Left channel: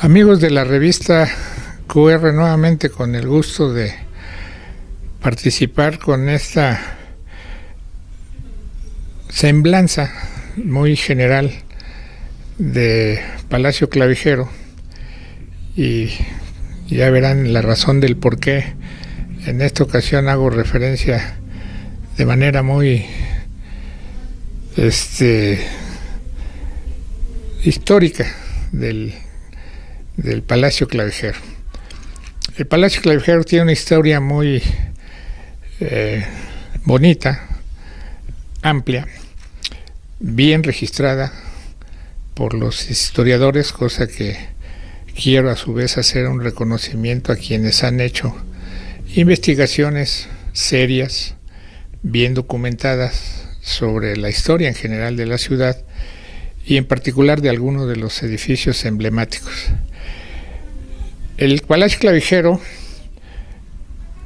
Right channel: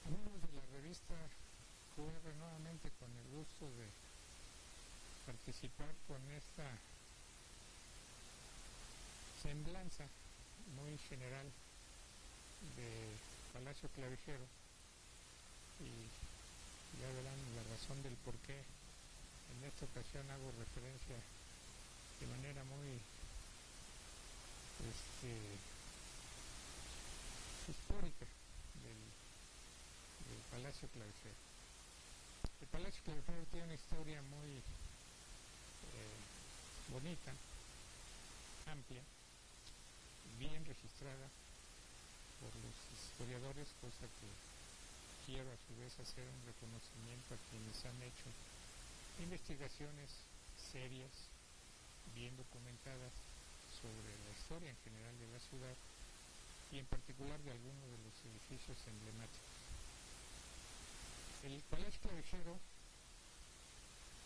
Amigos de la revista QR, nuevamente con el gusto de participar con esta semblanza muy general de Palacio Clavijero, y ya verán la razón del por qué en esta ocasión hago referencia de manera muy histórica del Palacio Clavijero. El Palacio Clavijero tiene una historia muy bonita, amplia, bien registrada por los historiadores, cosa que quiero a su vez hacer un reconocimiento a quienes han hecho investigaciones serias, bien documentadas sobre la historia en general de la ciudad y en particular de algunos de los edificios emblemáticos. El Palacio Clavijero,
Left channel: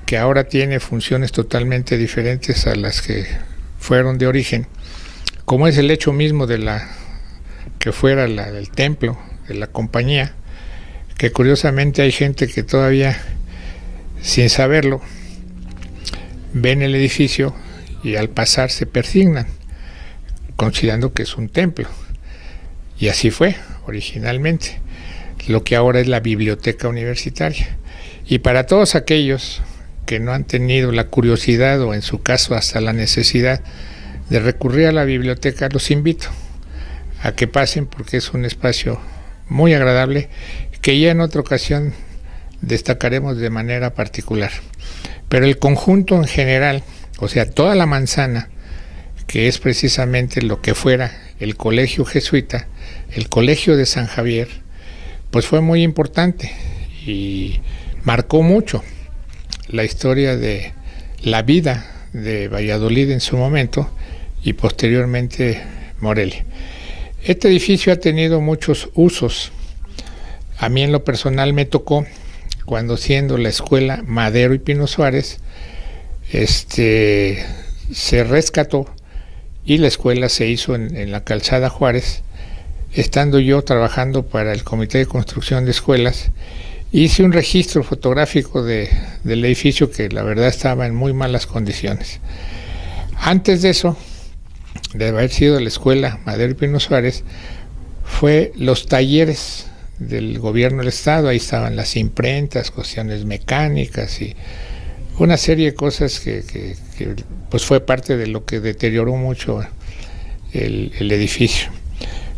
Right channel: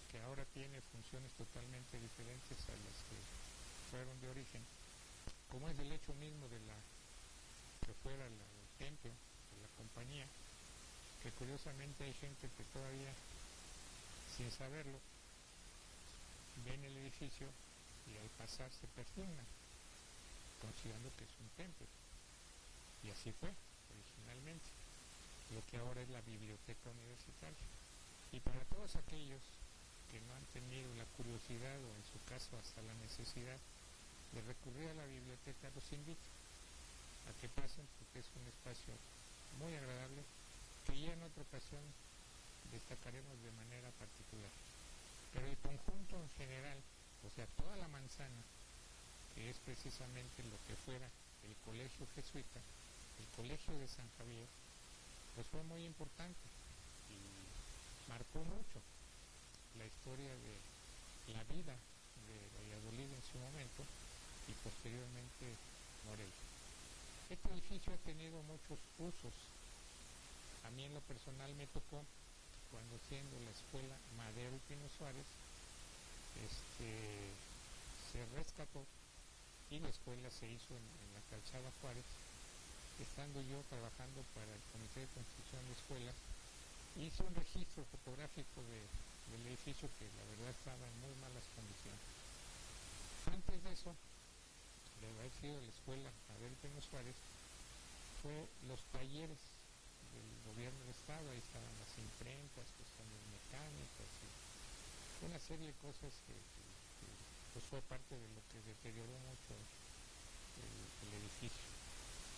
que ahora tiene funciones totalmente diferentes a las que fueron de origen, como es el hecho mismo de que fuera del templo de la compañía, que curiosamente hay gente que todavía, sin saberlo, ven el edificio y al pasar se persignan, considerando que es un templo. Y así fue originalmente, lo que ahora es la biblioteca universitaria. Y para todos aquellos que no han tenido la curiosidad o en su caso hasta la necesidad de recurrir a la biblioteca, los invito a que pasen, porque es un espacio muy agradable que ya en otra ocasión destacaremos de manera particular. Pero el conjunto en general, o sea, toda la manzana, que es precisamente lo que fuera el colegio jesuita, el colegio de San Javier, pues fue muy importante y marcó mucho la historia de la vida de Valladolid en su momento y posteriormente Morelia. Este edificio ha tenido muchos usos. A mí en lo personal me tocó, cuando siendo la escuela Madero y Pino Suárez, se rescató y la escuela se hizo en la Calzada Juárez. Estando yo trabajando para el Comité de Construcción de Escuelas, hice un registro fotográfico del edificio que la verdad estaba en muy malas condiciones. Antes de eso, de haber sido la escuela Madero y Pino Suárez, fue los talleres del gobierno del estado. Ahí estaban las imprentas, cuestiones mecánicas y una serie de cosas que pues fue parte de lo que deterioró mucho el edificio.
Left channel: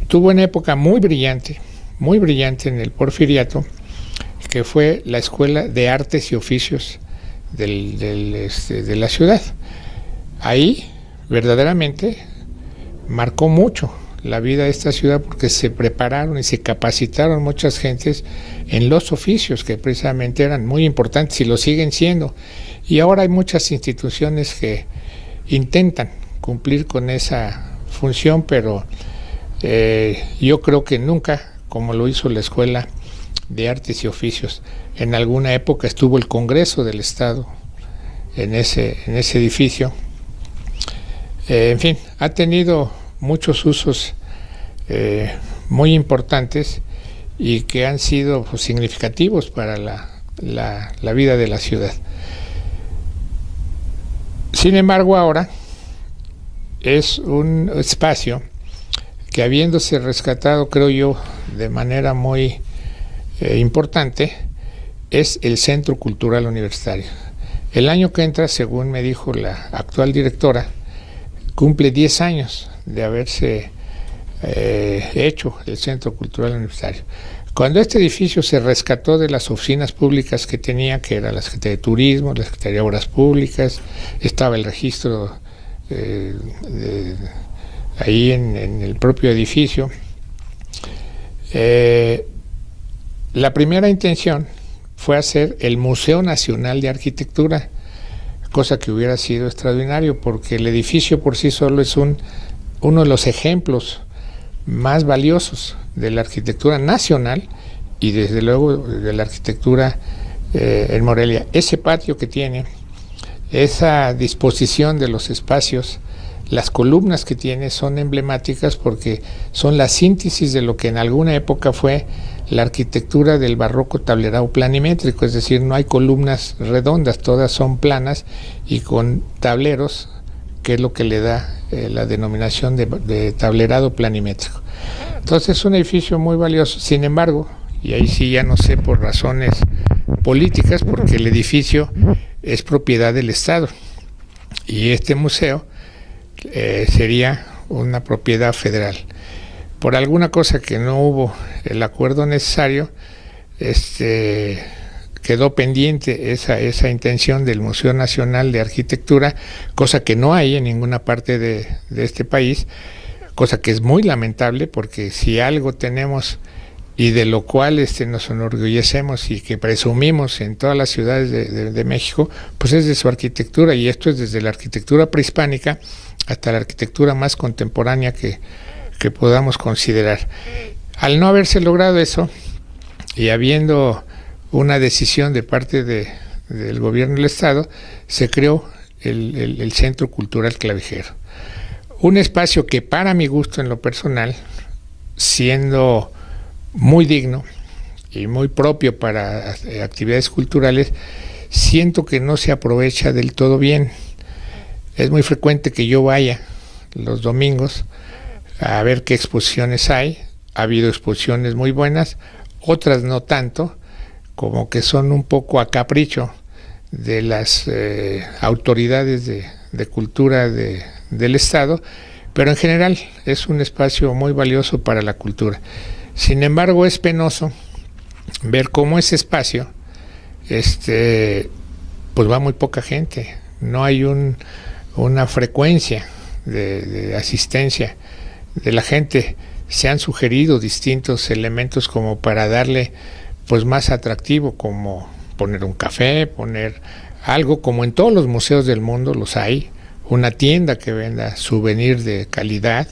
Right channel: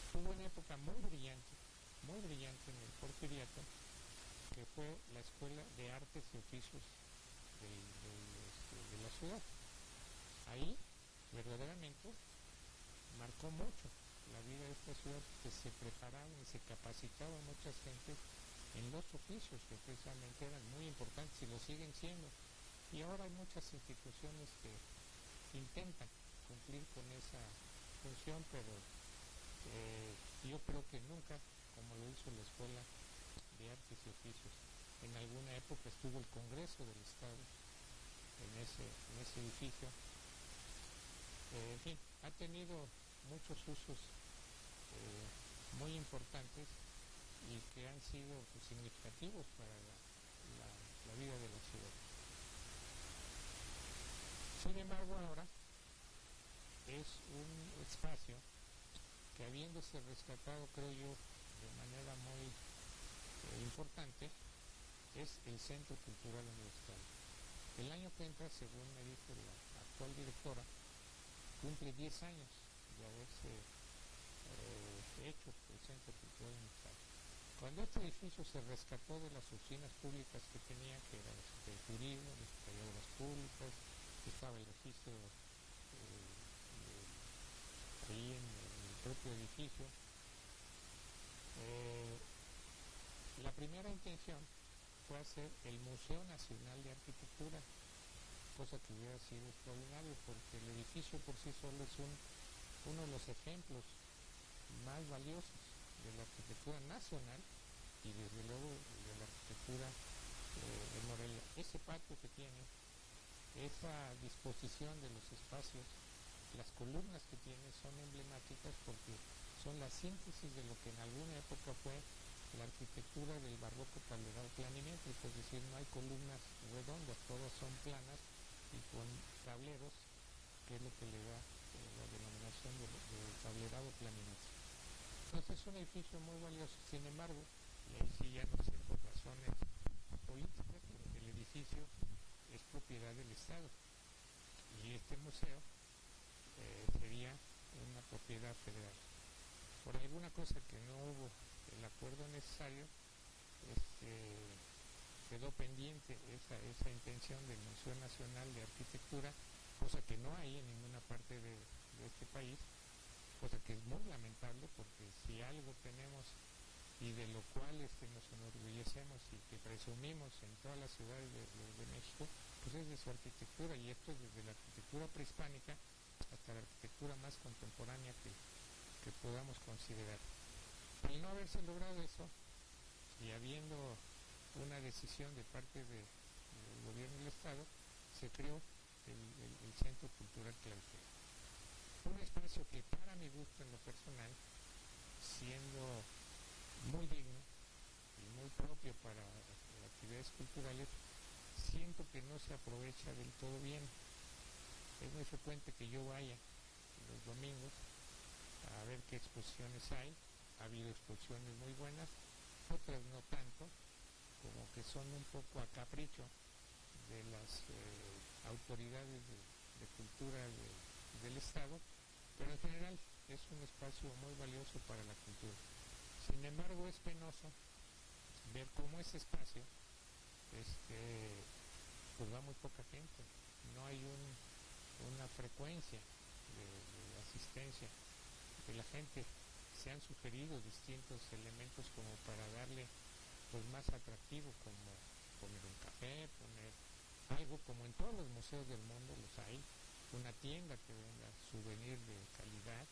Tuvo una época muy brillante en el Porfiriato, que fue la Escuela de Artes y Oficios de la ciudad. Ahí verdaderamente marcó mucho la vida de esta ciudad, porque se prepararon y se capacitaron muchas gentes en los oficios que precisamente eran muy importantes y lo siguen siendo. Y ahora hay muchas instituciones que intentan cumplir con esa función, pero yo creo que nunca como lo hizo la Escuela de Artes y Oficios. En alguna época estuvo el Congreso del Estado en ese edificio. En fin, ha tenido muchos usos muy importantes y que han sido pues, significativos para la vida de la ciudad. Sin embargo, ahora es un espacio que, habiéndose rescatado, creo yo, de manera muy importante, es el Centro Cultural Universitario. El año que entra, según me dijo la actual directora, cumple 10 años de haberse hecho el Centro Cultural Universitario. Cuando este edificio se rescató de las oficinas públicas que tenía, que era la Secretaría de Turismo, la Secretaría de Obras Públicas, estaba el registro ahí en el propio edificio, la primera intención fue hacer el Museo Nacional de Arquitectura, cosa que hubiera sido extraordinario, porque el edificio por sí solo es uno de los ejemplos más valiosos de la arquitectura nacional y desde luego de la arquitectura en Morelia. Ese patio que tiene, esa disposición de los espacios, las columnas que tiene son emblemáticas porque son la síntesis de lo que en alguna época fue la arquitectura del barroco tablerado planimétrico, es decir, no hay columnas redondas, todas son planas y con tableros, que es lo que le da la denominación de tablerado planimétrico. Entonces es un edificio muy valioso. Sin embargo, y ahí sí ya no sé por razones políticas, porque el edificio es propiedad del Estado y este museo sería una propiedad federal. Por alguna cosa que no hubo el acuerdo necesario, quedó pendiente esa intención del Museo Nacional de Arquitectura, cosa que no hay en ninguna parte de este país, cosa que es muy lamentable, porque si algo tenemos y de lo cual nos enorgullecemos y que presumimos en todas las ciudades de México, pues es de su arquitectura, y esto es desde la arquitectura prehispánica hasta la arquitectura más contemporánea que podamos considerar. Al no haberse logrado eso, y habiendo una decisión de parte del gobierno del Estado, se creó el Centro Cultural Clavijero. Un espacio que, para mi gusto en lo personal, siendo muy digno y muy propio para actividades culturales, siento que no se aprovecha del todo bien. Es muy frecuente que yo vaya los domingos a ver qué exposiciones hay. Ha habido exposiciones muy buenas, otras no tanto, como que son un poco a capricho de las autoridades de cultura del Estado, pero en general es un espacio muy valioso para la cultura. Sin embargo, es penoso ver cómo ese espacio pues va muy poca gente, no hay una frecuencia de asistencia de la gente. Se han sugerido distintos elementos como para darle pues más atractivo, como poner un café, poner algo como en todos los museos del mundo los hay, una tienda que venda souvenir de calidad,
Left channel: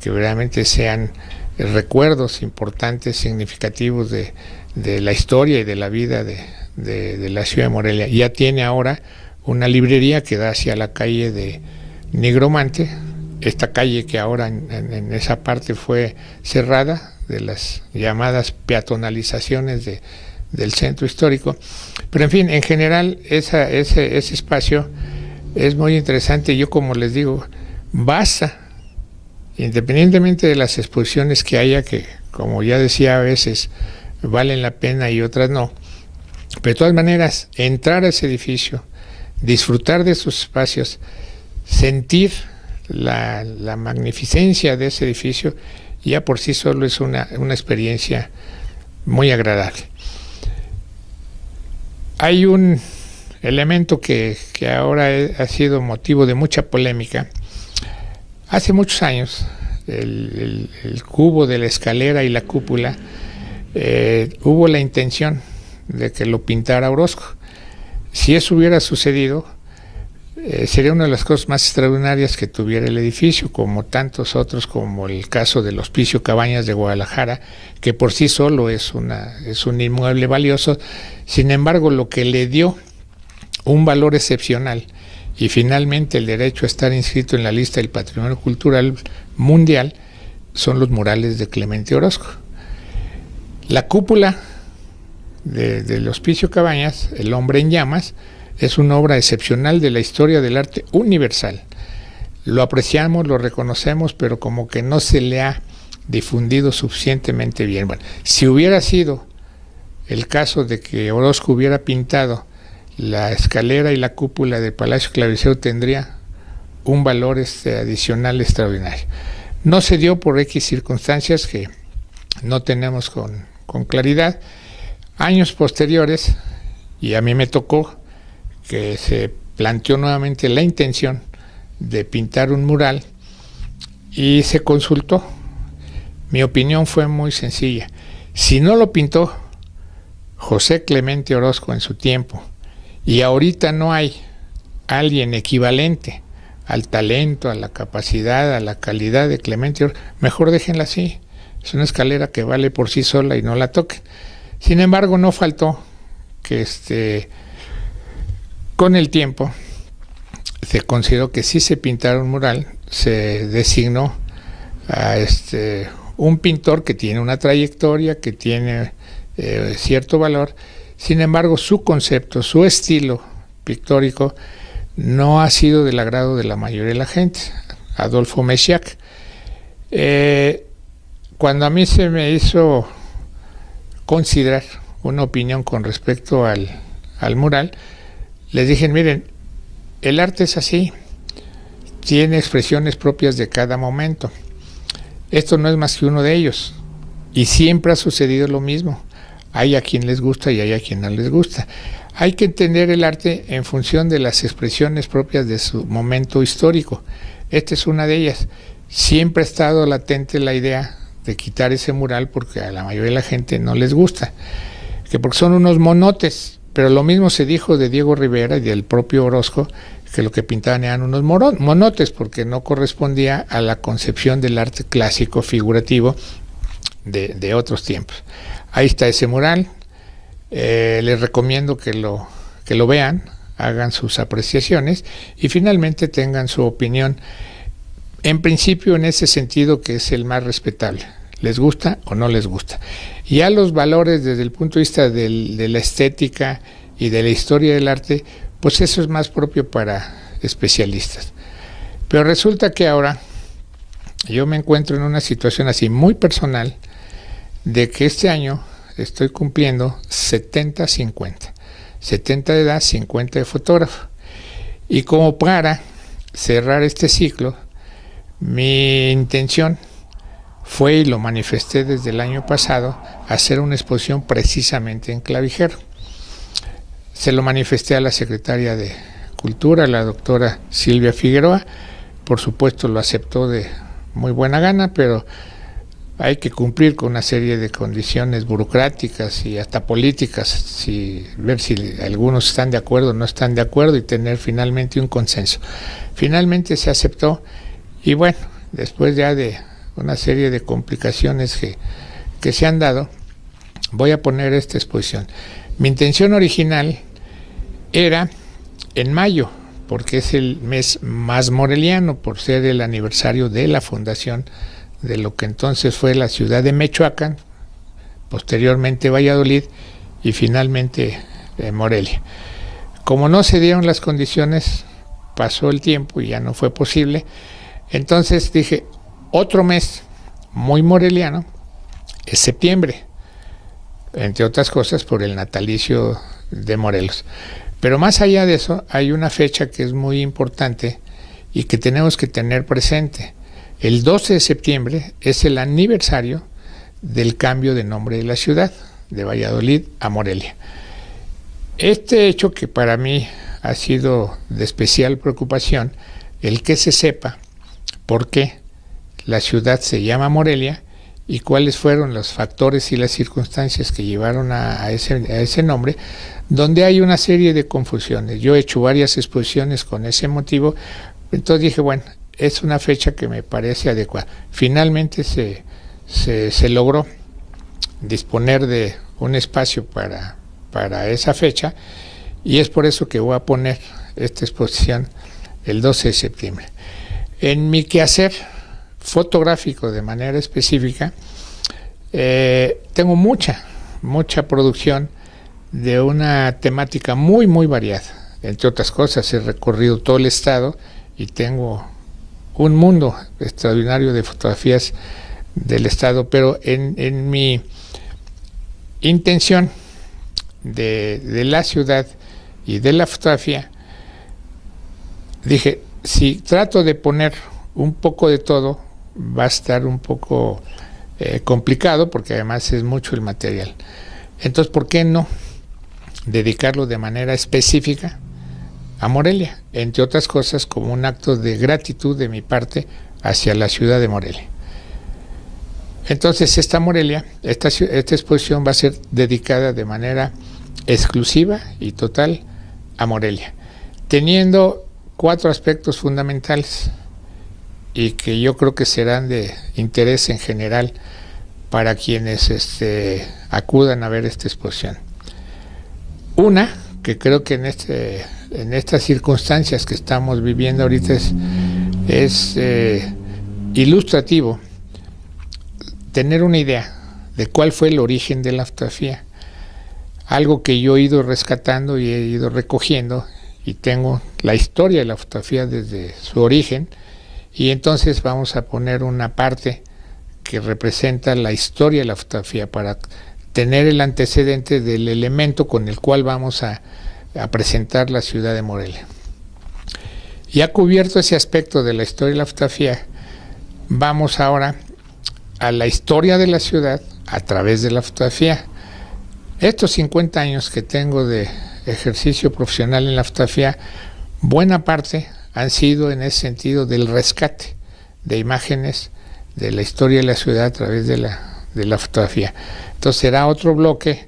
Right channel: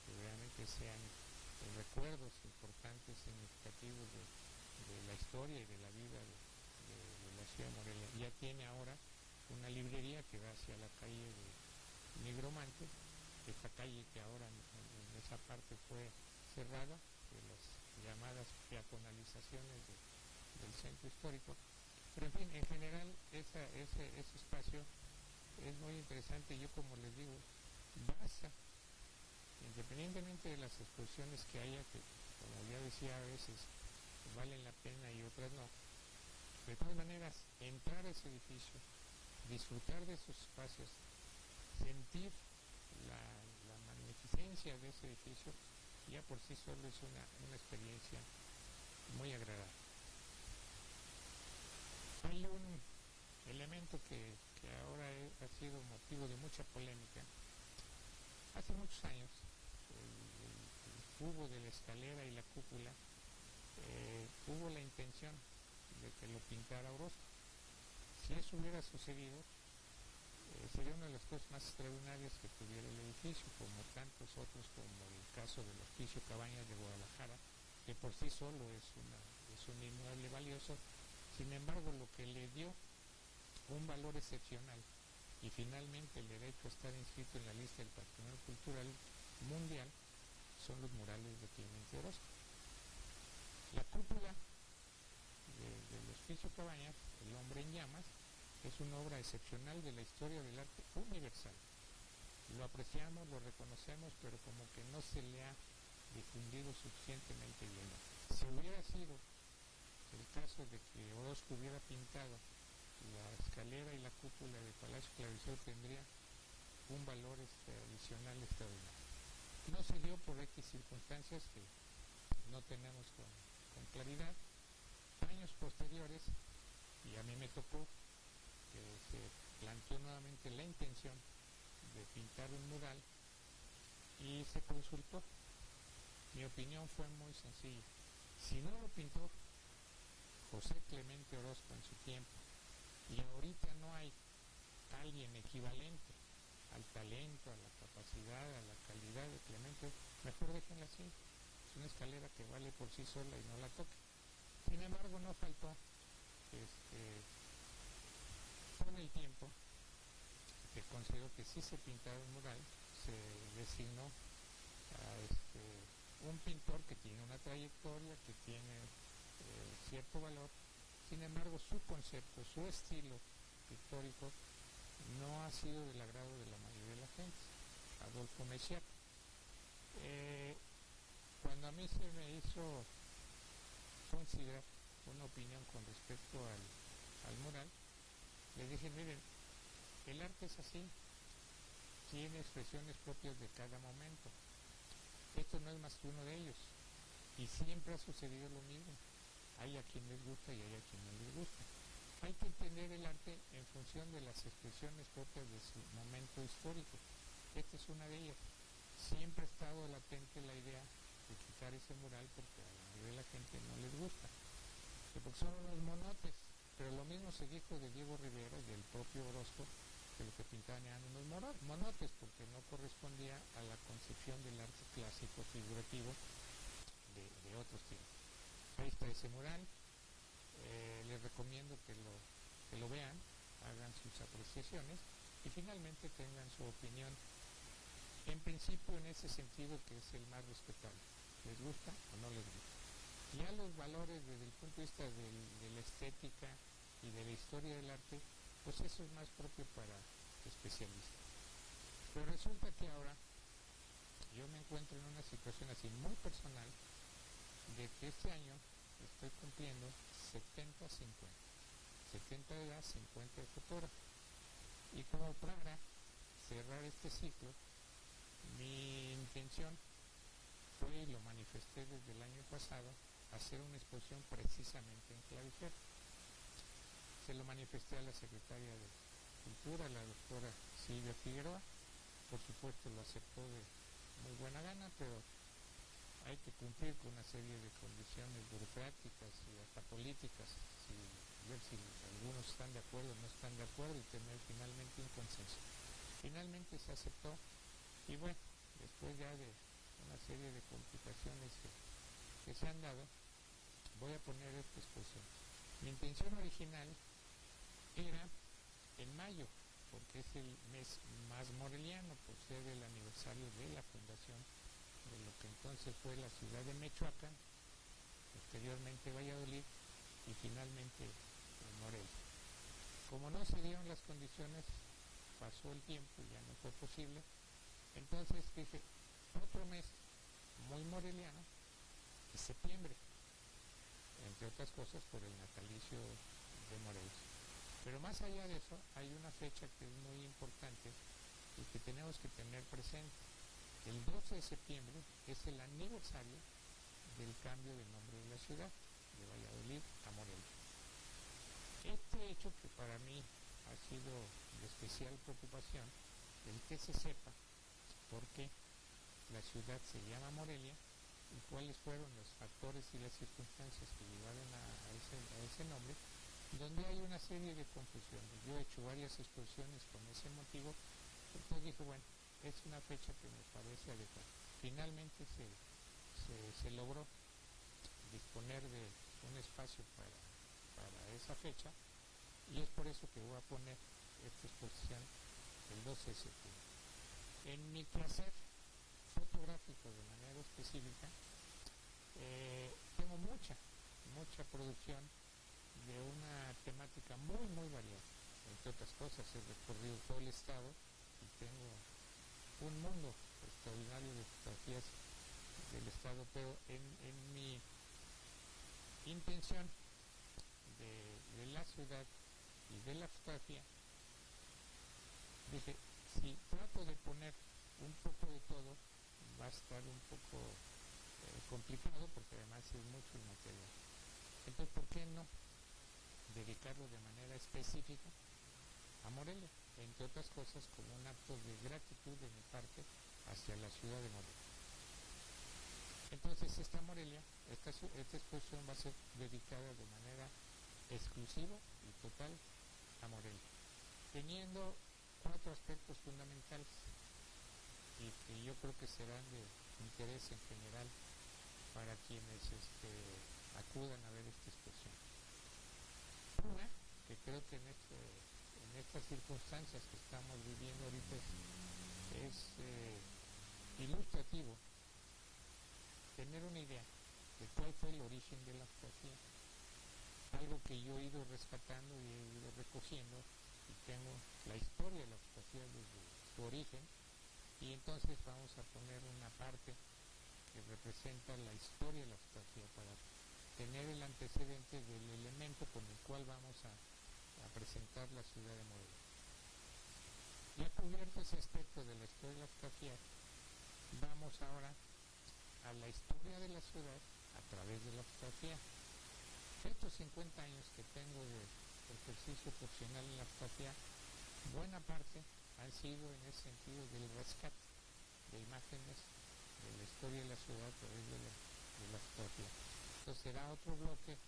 que realmente sean recuerdos importantes, significativos de la historia y de la vida de la ciudad de Morelia. Ya tiene ahora una librería que da hacia la calle de Nigromante, esta calle que ahora en esa parte fue cerrada, de las llamadas peatonalizaciones del centro histórico. Pero en fin, en general ese espacio es muy interesante. Yo, como les digo, basta, independientemente de las exposiciones que haya, que como ya decía, a veces valen la pena y otras no, pero de todas maneras entrar a ese edificio, disfrutar de esos espacios, sentir la magnificencia de ese edificio, ya por sí solo es una experiencia muy agradable. Hay un elemento que ahora ha sido motivo de mucha polémica. Hace muchos años, el cubo de la escalera y la cúpula, hubo la intención de que lo pintara Orozco. Si eso hubiera sucedido, sería una de las cosas más extraordinarias que tuviera el edificio, como tantos otros, como el caso del Hospicio Cabañas de Guadalajara, que por sí solo es un inmueble valioso. Sin embargo, lo que le dio un valor excepcional y finalmente el derecho a estar inscrito en la lista del Patrimonio Cultural Mundial son los murales de Clemente Orozco. La cúpula del Hospicio Cabañas, El Hombre en Llamas, es una obra excepcional de la historia del arte universal. Lo apreciamos, lo reconocemos, pero como que no se le ha difundido suficientemente bien. Bueno, si hubiera sido el caso de que Orozco hubiera pintado la escalera y la cúpula del Palacio Clavijero, tendría un valor adicional extraordinario. No se dio por X circunstancias que no tenemos con claridad. Años posteriores, y a mí me tocó que se planteó nuevamente la intención de pintar un mural y se consultó. Mi opinión fue muy sencilla. Si no lo pintó José Clemente Orozco en su tiempo, y ahorita no hay alguien equivalente al talento, a la capacidad, a la calidad de Clemente Orozco, mejor déjenla así. Es una escalera que vale por sí sola y no la toquen. Sin embargo, no faltó que con el tiempo se consideró que si se pintara un mural, se designó a un pintor que tiene una trayectoria, que tiene cierto valor. Sin embargo, su concepto, su estilo pictórico no ha sido del agrado de la mayoría de la gente. Adolfo Mesíac. Cuando a mí se me hizo considerar una opinión con respecto al mural, les dije, miren, el arte es así, tiene expresiones propias de cada momento. Esto no es más que uno de ellos. Y siempre ha sucedido lo mismo. Hay a quien les gusta y hay a quien no les gusta. Hay que entender el arte en función de las expresiones propias de su momento histórico. Esta es una de ellas. Siempre ha estado latente la idea de quitar ese mural porque a la mayoría de la gente no les gusta, que porque son unos monotes, pero lo mismo se dijo de Diego Rivera y del propio Orozco, que lo que pintaban eran unos monotes porque no correspondía a la concepción del arte clásico figurativo de otros tiempos. Ahí está ese mural. Les recomiendo que lo vean, hagan sus apreciaciones y finalmente tengan su opinión, en principio en ese sentido que es el más respetable. ¿Les gusta o no les gusta? Ya los valores desde el punto de vista de la estética y de la historia del arte, pues eso es más propio para especialistas. Pero resulta que ahora yo me encuentro en una situación así muy personal, de que este año estoy cumpliendo 70-50. 70 de edad, 50 de fotógrafo. Y como para cerrar este ciclo, mi intención fue, y lo manifesté desde el año pasado, hacer una exposición precisamente en Clavijero. Se lo manifesté a la secretaria de Cultura, la doctora Silvia Figueroa. Por supuesto lo aceptó de muy buena gana, pero hay que cumplir con una serie de condiciones burocráticas y hasta políticas, ver si algunos están de acuerdo o no están de acuerdo y tener finalmente un consenso. Finalmente se aceptó y bueno, después ya de una serie de complicaciones que se han dado, voy a poner esta exposición. Mi intención original era en mayo, porque es el mes más moreliano, por ser el aniversario de la fundación de lo que entonces fue la ciudad de Mechoacán, posteriormente Valladolid y finalmente Morelia. Como no se dieron las condiciones, pasó el tiempo y ya no fue posible, entonces dije, otro mes muy moreliano es septiembre, entre otras cosas por el natalicio de Morelos. Pero más allá de eso, hay una fecha que es muy importante y que tenemos que tener presente. El 12 de septiembre es el aniversario del cambio de nombre de la ciudad, de Valladolid a Morelia. Este hecho que para mí ha sido de especial preocupación, el que se sepa por qué la ciudad se llama Morelia y cuáles fueron los factores y las circunstancias que llevaron a ese nombre, donde hay una serie de confusiones. Yo he hecho varias exposiciones con ese motivo, entonces dije, bueno, es una fecha que me parece adecuada. Finalmente se logró disponer de un espacio para esa fecha y es por eso que voy a poner esta exposición el 12 de septiembre. En mi quehacer fotográfico de manera específica, tengo mucha producción de una temática muy, muy variada. Entre otras cosas, he recorrido todo el estado y tengo un mundo extraordinario de fotografías del estado, pero en mi intención de la ciudad y de la fotografía, dije, si trato de poner un poco de todo, va a estar un poco complicado, porque además es mucho el material. Entonces, ¿por qué no dedicarlo de manera específica a Morelia? Entre otras cosas, como un acto de gratitud de mi parte hacia la ciudad de Morelia. Entonces, esta exposición va a ser dedicada de manera exclusiva y total a Morelia, teniendo 4 aspectos fundamentales y que yo creo que serán de interés en general para quienes acudan a ver esta exposición. Una, que creo que en estas circunstancias que estamos viviendo ahorita es ilustrativo. tener una idea de cuál fue el origen de la fotografía. Algo que yo he ido rescatando y he ido recogiendo, y tengo la historia de la fotografía desde su origen, y entonces vamos a poner una parte que representa la historia de la fotografía para tener el antecedente del elemento con el cual vamos a presentar la ciudad de Morelia. Ya cubierto ese aspecto de la historia de la fotografía, vamos ahora a la historia de la ciudad a través de la fotografía. Estos 50 años que tengo de ejercicio profesional en la fotografía, buena parte han sido en ese sentido del rescate de imágenes de la historia de la ciudad a través de la fotografía. Entonces será otro bloque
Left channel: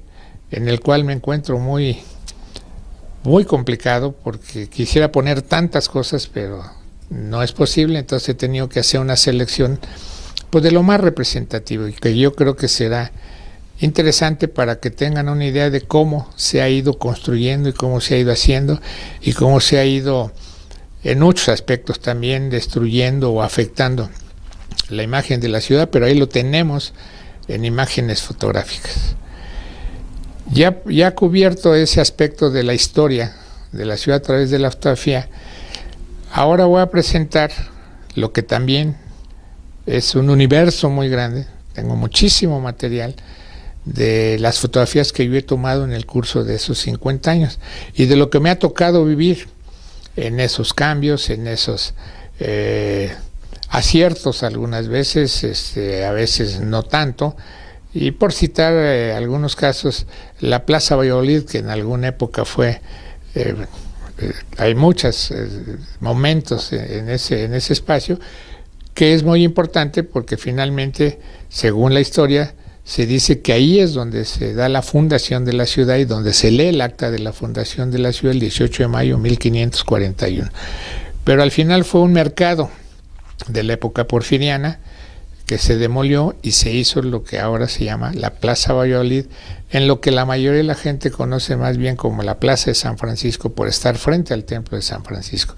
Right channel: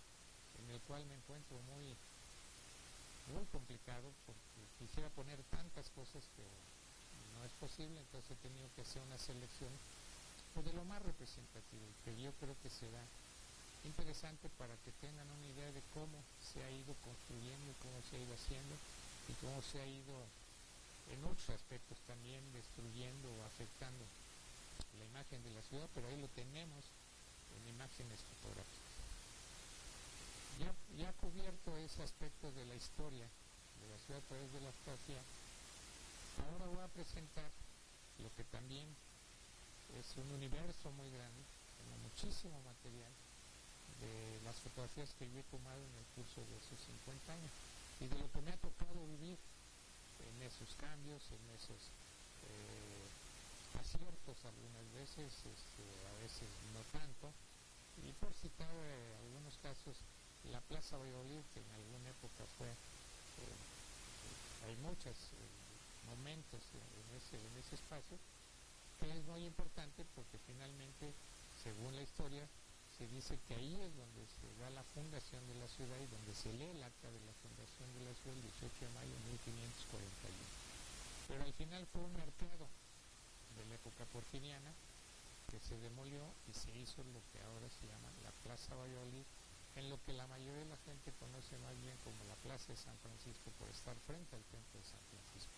en el cual me encuentro muy complicado, porque quisiera poner tantas cosas, pero no es posible. Entonces he tenido que hacer una selección pues de lo más representativo, y que yo creo que será interesante para que tengan una idea de cómo se ha ido construyendo y cómo se ha ido haciendo y cómo se ha ido en muchos aspectos también destruyendo o afectando la imagen de la ciudad, pero ahí lo tenemos en imágenes fotográficas. Ya cubierto ese aspecto de la historia de la ciudad a través de la fotografía, ahora voy a presentar lo que también es un universo muy grande. Tengo muchísimo material de las fotografías que yo he tomado en el curso de esos 50 años y de lo que me ha tocado vivir en esos cambios, en esos aciertos algunas veces, a veces no tanto. Y por citar algunos casos, la Plaza Valladolid, que en alguna época fue, hay muchos momentos en ese espacio, que es muy importante porque finalmente, según la historia, se dice que ahí es donde se da la fundación de la ciudad y donde se lee el acta de la fundación de la ciudad el 18 de mayo de 1541. Pero al final fue un mercado de la época porfiriana que se demolió y se hizo lo que ahora se llama la Plaza Valladolid, en lo que la mayoría de la gente conoce más bien como la Plaza de San Francisco, por estar frente al Templo de San Francisco.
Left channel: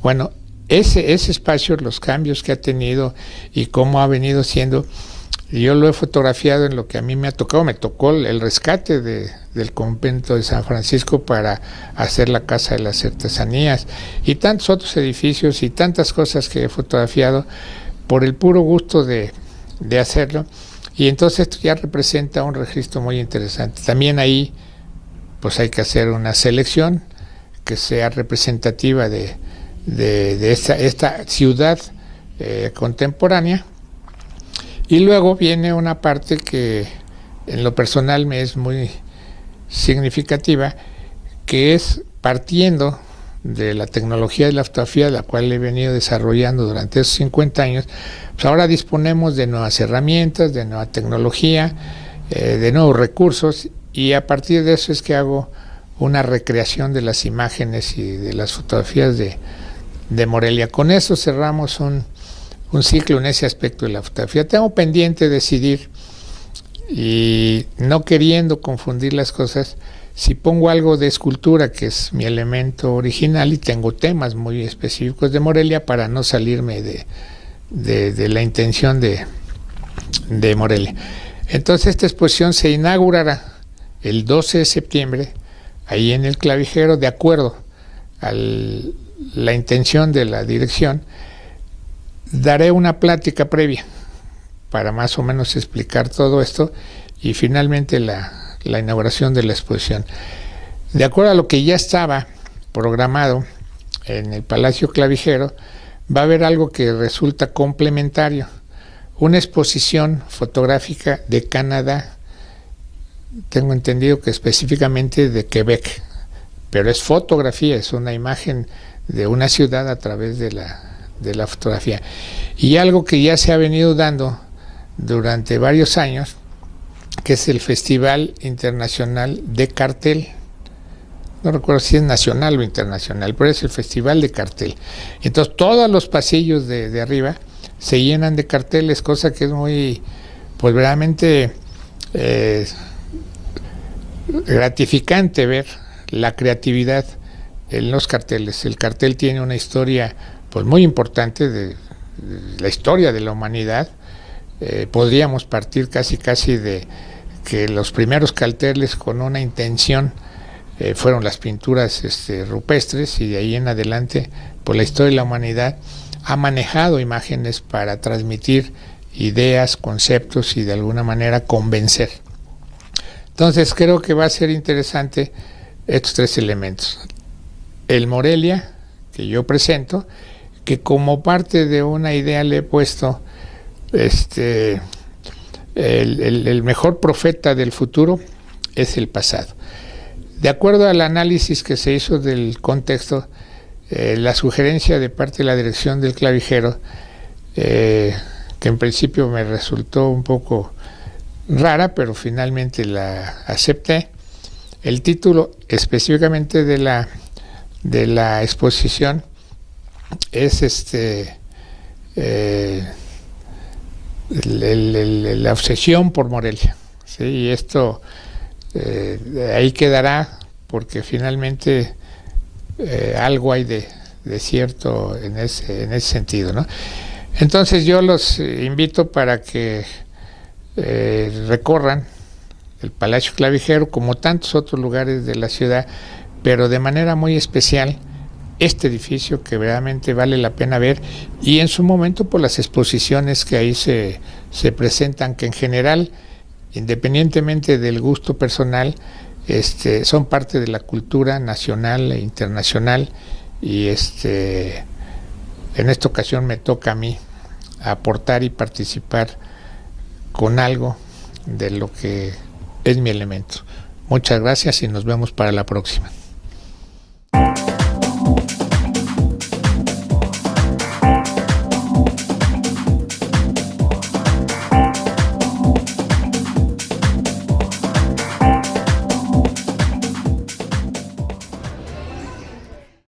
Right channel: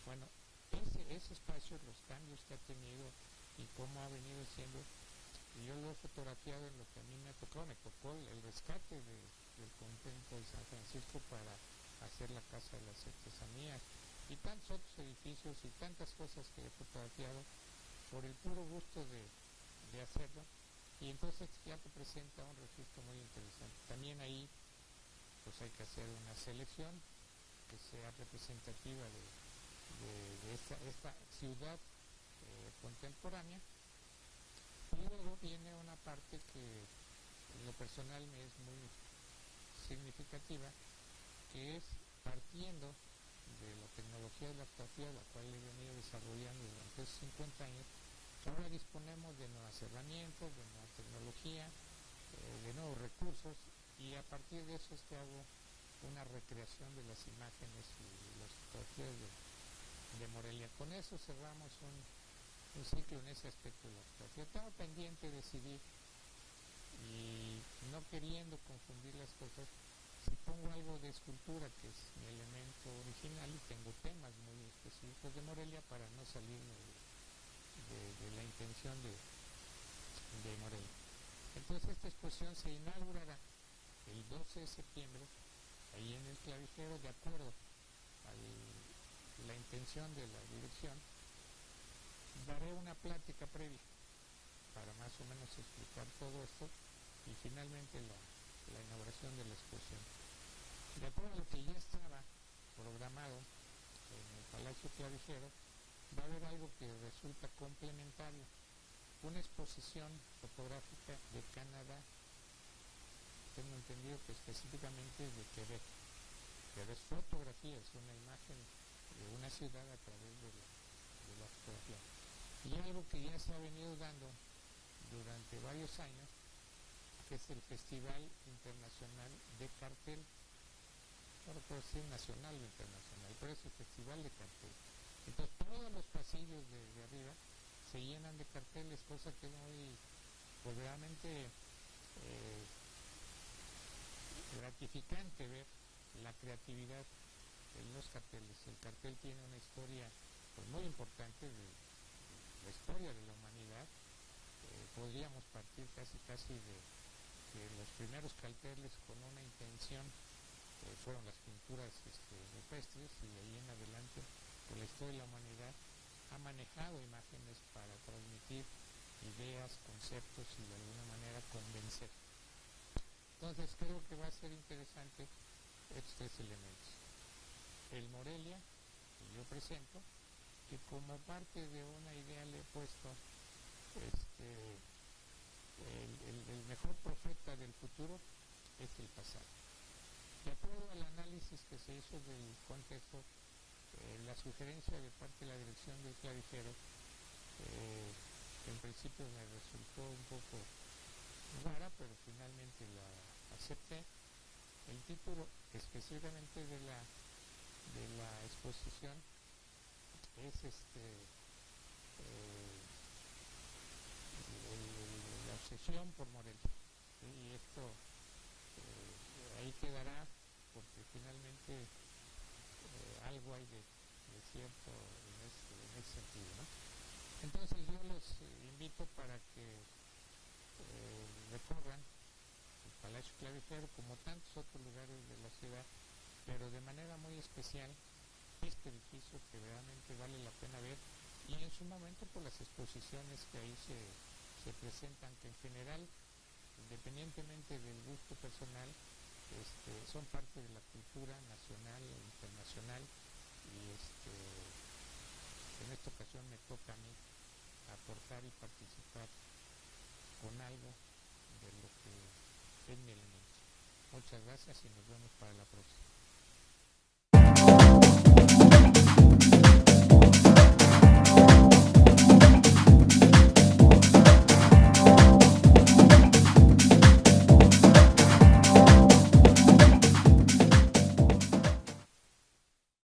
Bueno, ese espacio, los cambios que ha tenido y cómo ha venido siendo, yo lo he fotografiado en lo que a mí me tocó el rescate del convento de San Francisco para hacer la Casa de las Artesanías y tantos otros edificios y tantas cosas que he fotografiado por el puro gusto de hacerlo. Y entonces esto ya representa un registro muy interesante. También ahí pues hay que hacer una selección que sea representativa de esta ciudad contemporánea. Y luego viene una parte que en lo personal me es muy significativa, que es partiendo de la tecnología de la fotografía, la cual he venido desarrollando durante esos 50 años, pues ahora disponemos de nuevas herramientas, de nueva tecnología, de nuevos recursos, y a partir de eso es que hago una recreación de las imágenes y de las fotografías de Morelia. Con eso cerramos un ciclo en ese aspecto de la fotografía. Tengo pendiente decidir, y no queriendo confundir las cosas, si pongo algo de escultura, que es mi elemento original, y tengo temas muy específicos de Morelia para no salirme de la intención de Morelia. Entonces esta exposición se inaugurará el 12 de septiembre ahí en el Clavijero, de acuerdo a la intención de la dirección. Daré una plática previa para más o menos explicar todo esto y finalmente la inauguración de la exposición. De acuerdo a lo que ya estaba programado en el Palacio Clavijero, va a haber algo que resulta complementario, una exposición fotográfica de Canadá, tengo entendido que específicamente de Quebec, pero es fotografía, es una imagen de una ciudad a través de la fotografía. Y algo que ya se ha venido dando durante varios años, que es el Festival Internacional de Cartel. No recuerdo si es nacional o internacional, pero es el Festival de Cartel. Entonces todos los pasillos de arriba se llenan de carteles, cosa que es muy, pues verdaderamente gratificante ver la creatividad en los carteles. El cartel tiene una historia pues muy importante de la historia de la humanidad, podríamos partir casi de que los primeros carteles con una intención fueron las pinturas rupestres, y de ahí en adelante, por la historia de la humanidad, ha manejado imágenes para transmitir ideas, conceptos y de alguna manera convencer. Entonces creo que va a ser interesante estos tres elementos. El Morelia, que yo presento, que como parte de una idea le he puesto el mejor profeta del futuro es el pasado. De acuerdo al análisis que se hizo del contexto, la sugerencia de parte de la dirección del clavijero, que en principio me resultó un poco rara, pero finalmente la acepté. El título específicamente de la exposición es la obsesión por Morelia, ¿sí? Y esto ahí quedará, porque finalmente algo hay de cierto en ese sentido, ¿no? Entonces yo los invito para que recorran el Palacio Clavijero, como tantos otros lugares de la ciudad, pero de manera muy especial este edificio, que realmente vale la pena ver, y en su momento por las exposiciones que ahí se presentan, que en general, independientemente del gusto personal, son parte de la cultura nacional e internacional, y en esta ocasión me toca a mí aportar y participar con algo de lo que es mi elemento. Muchas gracias y nos vemos para la próxima.